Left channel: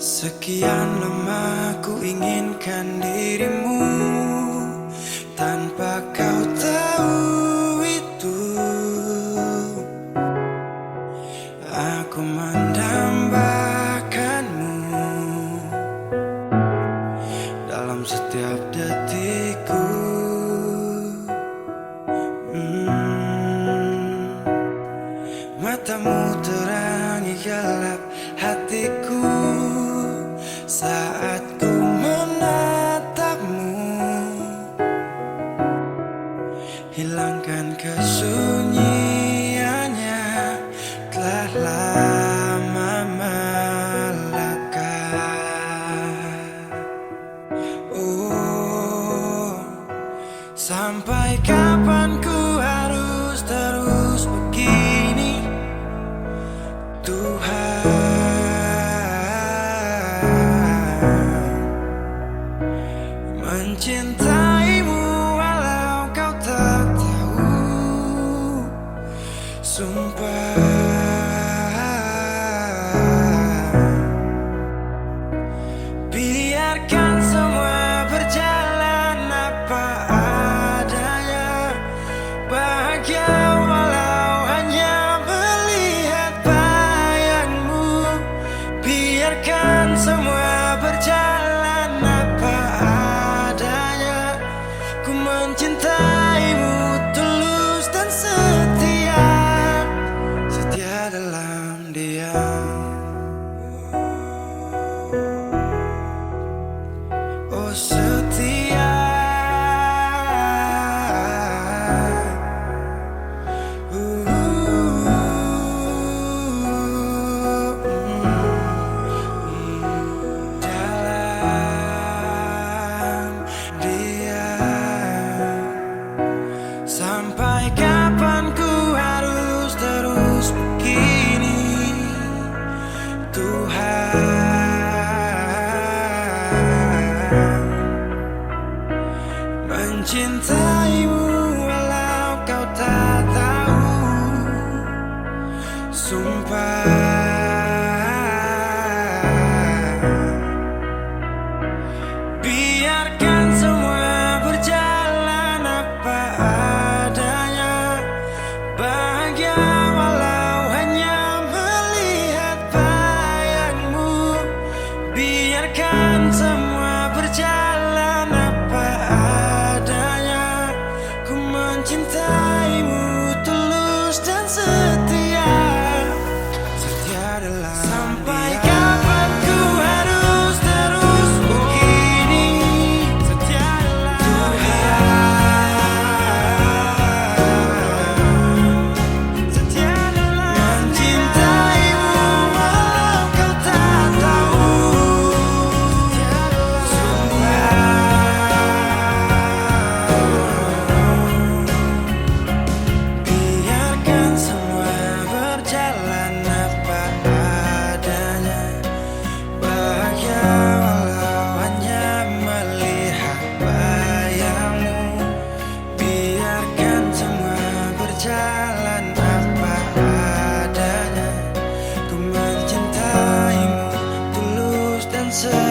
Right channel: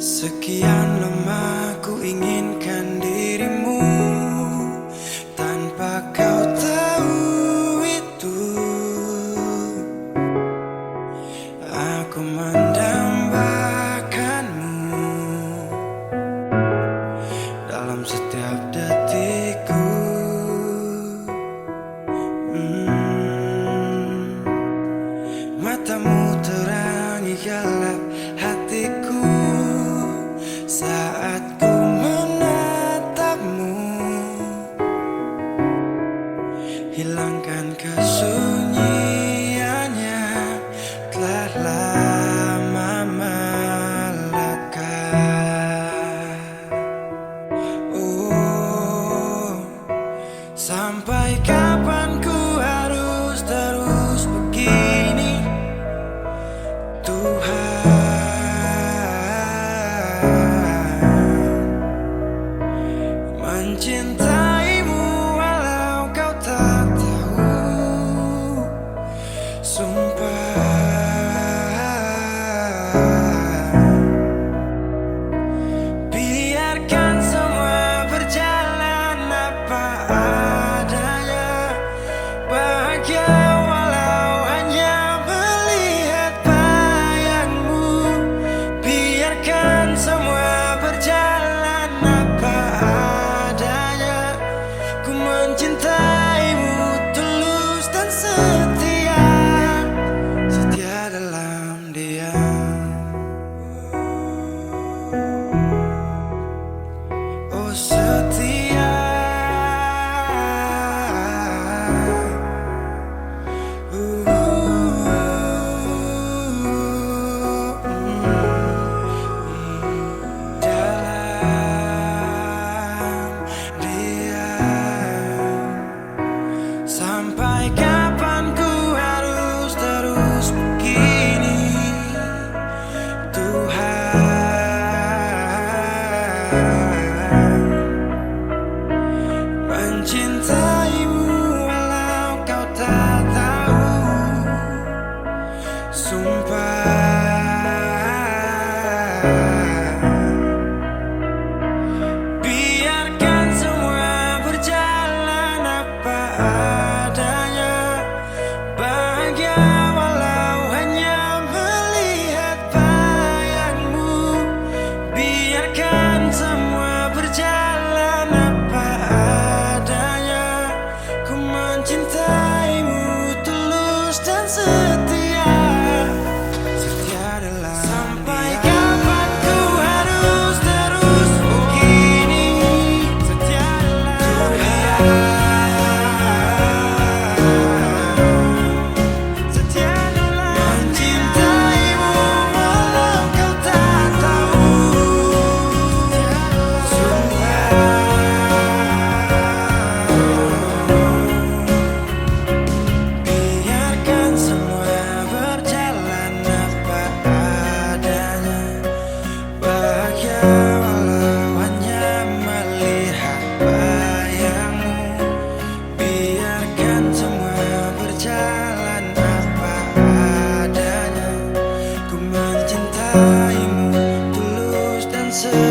Sekian lama ku inginkan dirimu, tanpa kau tahu itu. Aku mendambakanmu dalam setiap detikku. Matamu terangi gelap hatiku saat ku menatapmu. Hilangkan kesunyiannya, telah lama melekat. Oh, sampai kapan ku harus terus begini, Tuhan? Mencintaimu walau kau tak tahu, sumpah. Biarkan semua berjalan apa adanya, bahagia walau hanya melihat bayangmu. Biarkan semua berjalan apa adanya, ku mencintaimu tulus dan setia, setia dalam diam. Oh setia, dalam diam. Sampai kapan ku harus terus begini, Tuhan? Mencintaimu walau kau tak tahu, sumpah. Biarkan semua berjalan apa adanya, bahagia walau hanya melihat bayangmu. Biarkan semua berjalan apa adanya, ku mencintaimu tulus dan setia, setia dalam. Sampai kapan ku harus terus begini, setia dalam Tuhan. Setia dalam mencintaimu walau kau tak tahu, biarkan semua berjalan apa adanya, bahagia walau hanya melihat bayangmu. Biarkan semua berjalan apa adanya, ku mencintaimu tulus dan setia.